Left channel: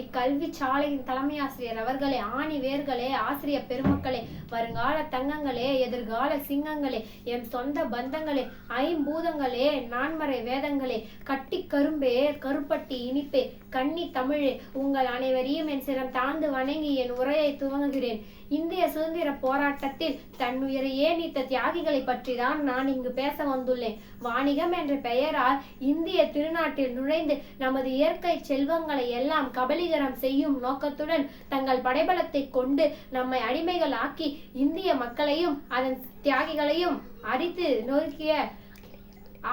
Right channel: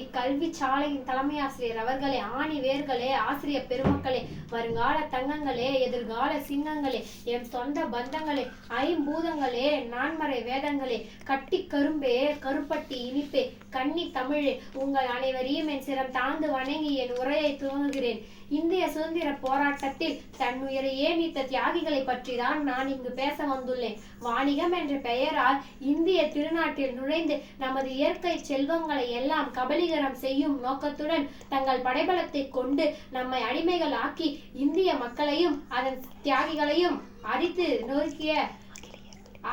இக்கல்வி சாலையின் தலைமை ஆசிரியர் அவர்களே, ஆணி வேர்களே, ஆசிரியர் பெருமக்களே, வருங்கால தங்கங்களே, எதிர்கால சிங்கங்களே, எம் சொந்த பந்தங்களே, ஐம்பூதங்களே, நான்மறை வேதங்களே, கட்டி கரும்பே, கருப்பட்டி இனிப்பே, கன்னி தமிழே, உங்கள் அனைவரையும் என் சிரம் தாழ்ந்து வணங்கி என் உரையை துவங்குகிறேன். இந்திய சுதந்திர போராட்டத்தில் தன்னுயிரையே நீத்த தியாகிகளை பற்றி தான் நான் இங்கு பேச வந்துள்ளேன். வாணிகம் என்ற பெயரால் இந்திய திருநாட்டில் நுழைந்து நமது இயற்கை செல்வங்களை எல்லாம் கபலீகரம் செய்யும் நோக்கத்துடன் தங்கள் படைபலத்தை கொண்டு நம்மை அடிமைகள் ஆக்கி இந்திய மக்களையும் அதன் தியாகிகளையும் அடித்து நொறுக்கிய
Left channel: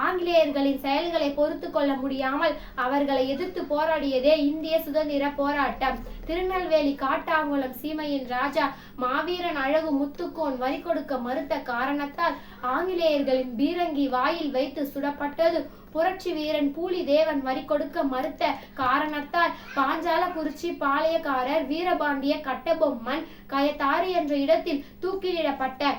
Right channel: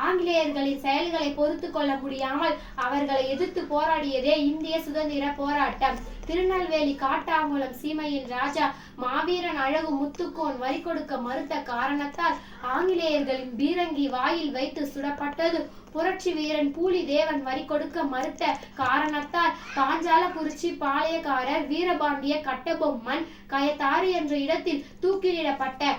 ஆங்கிலேயர்களின் செயல்களை பொறுத்து கொள்ள முடியாமல் அவர்களை எதிர்த்து போராடியதே இந்திய சுதந்திர போராட்டம். திருநெல்வேலி காட்டாங்குளம் சீமையின் ராஜா மாவீரன் அழகு முத்துக்கோன் வரி கொடுக்க மறுத்த காரணத்தால் ஆங்கிலேயர்களின் பீரங்கி வாயில் வைத்து சுடப்பட்டது. புரட்சி வீரன் பூலிதேவன் வரி கொடுக்க மறுத்த காரணத்தால் பாஞ்சாலக்குறிச்சி பாளையக்காரர் வீரபாண்டிய கட்டபொம்மன் கயத்தாறு என்ற இடத்தில் தூக்கிலிடப்பட்ட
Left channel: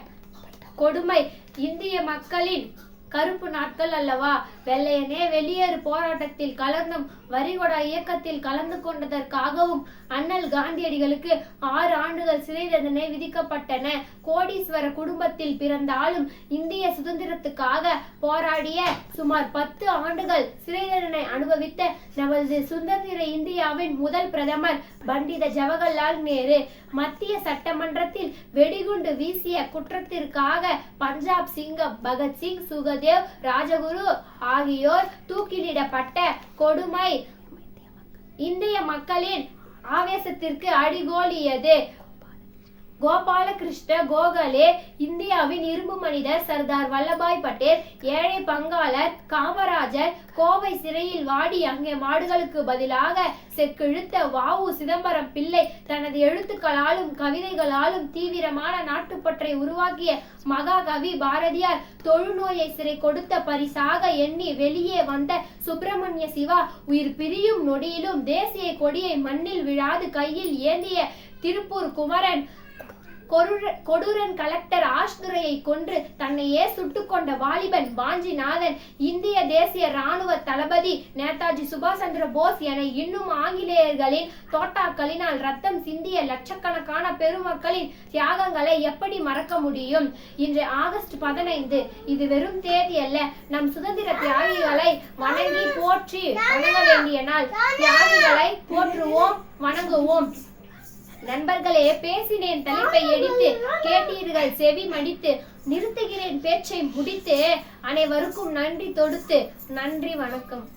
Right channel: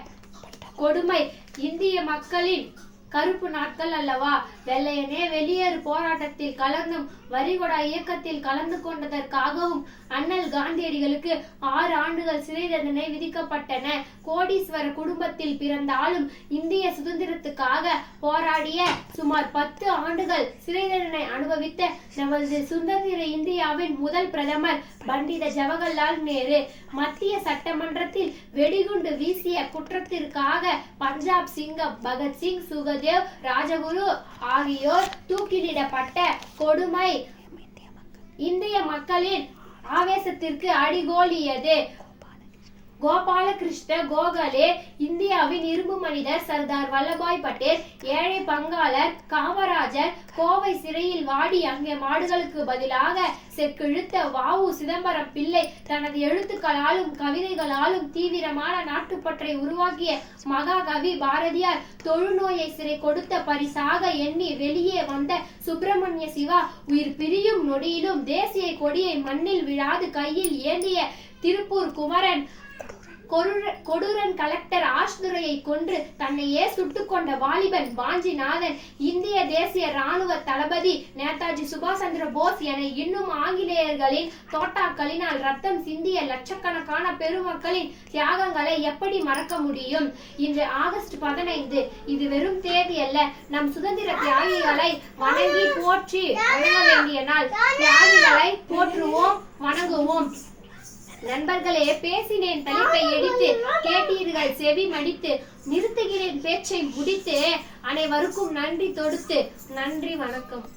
கொடுமை இந்திய மக்களின் கருப்பு நாட்கள் அல்லவா? வெள்ளையனே வெளியேறு போராட்டத்தில் கலந்தும் வரிகொட இயக்கத்தில் கலந்து கொண்டதற்காகவும் அண்ணல் காந்தியடிகளுக்கு 6 ஆண்டுகள் சிறை தண்டனை விதிக்கப்பட்டன. கோடீஸ்வர குடும்பத்தில் பிறந்தாலும் இந்திய சுதந்திரத்துக்காக போராடிய சுமார் 10 ஆண்டுகள் சிறை தண்டனை அனுபவித்த நமது சுதந்திர இந்தியாவின் முதல் பிரதமர் பண்டித ஜவஹர்லால் நேரு மத்திய சட்டமன்றத்தில் வெடிகுண்டு வீசிய குற்றத்திற்காக பஞ்சாப் சிங்கம் பகத்சிங், சுகதேவ், ராஜகுரு ஆகியோர் தூக்கிலிடப்பட்ட கொடுமை இந்திய மக்களின் ஆவேசத்திற்கு அடிகோலியது. கோபாலகிருஷ்ண கோகலே, இந்தியாவின் இரும்பு மனிதர் சர்தார் வல்லபாய் பட்டேல், ஏழை பங்காளர் காமராஜர் கோவை சிறையில் வாடி அங்கே மாடுகளுக்கு பதிலாக செக்கிழுத்த வ.உ. சிதம்பரம் பிள்ளை தனது எழுத்துக்களாலும் கவிதைகளாலும் தீவிரமான நாட்டுப்பற்றை உருவாக்கிய மகாகவி பாரதியார் தொழுநோயை சிறை கொடுத்த பரிசாக எண்ணி வெளியே வந்த சுப்பிரமணிய சிவா உயிர் பிரியும் நொடியிலும் தேசிய கொடியை மண்ணில் விழாது கையில் ஏந்திய திருப்பூர் குமரன், கொடூரன் கலெக்டர் ஆஷ்துரையை கொன்று தன்னையே சுட்டுக் கொண்ட வாலிபன் வாஞ்சிநாதன், இந்திய தேசிய ராணுவ தளபதி நேதாஜி சுபாஷ் சந்திர போஸ் என இன்னும் ஆங்கிலேயர்களின் தோட்டாக்களினால் ரத்தம் சிந்திய லட்சக்கணக்கான பெருமக்களின் தியாகங்களை எப்படி மறக்க முடியும்? இன்று ஆகஸ்ட் 15. இது வெறும் தேதி அல்ல, நம் சுதந்திர தியாகிகளை வணங்கி போற்றி வணங்க வேண்டிய நாள். தியாகிகளை போற்றுவோம், வணங்குவோம். நண்பர்களே, பேசினேன் தலைப்பை எடுத்து, கேட்டீர்கள் செவி மடித்து, நிறுத்துகிறேன் பேச்சை முடித்து, அனைவருக்கும் நன்றி தொடுத்து. நன்றி, வணக்கம்.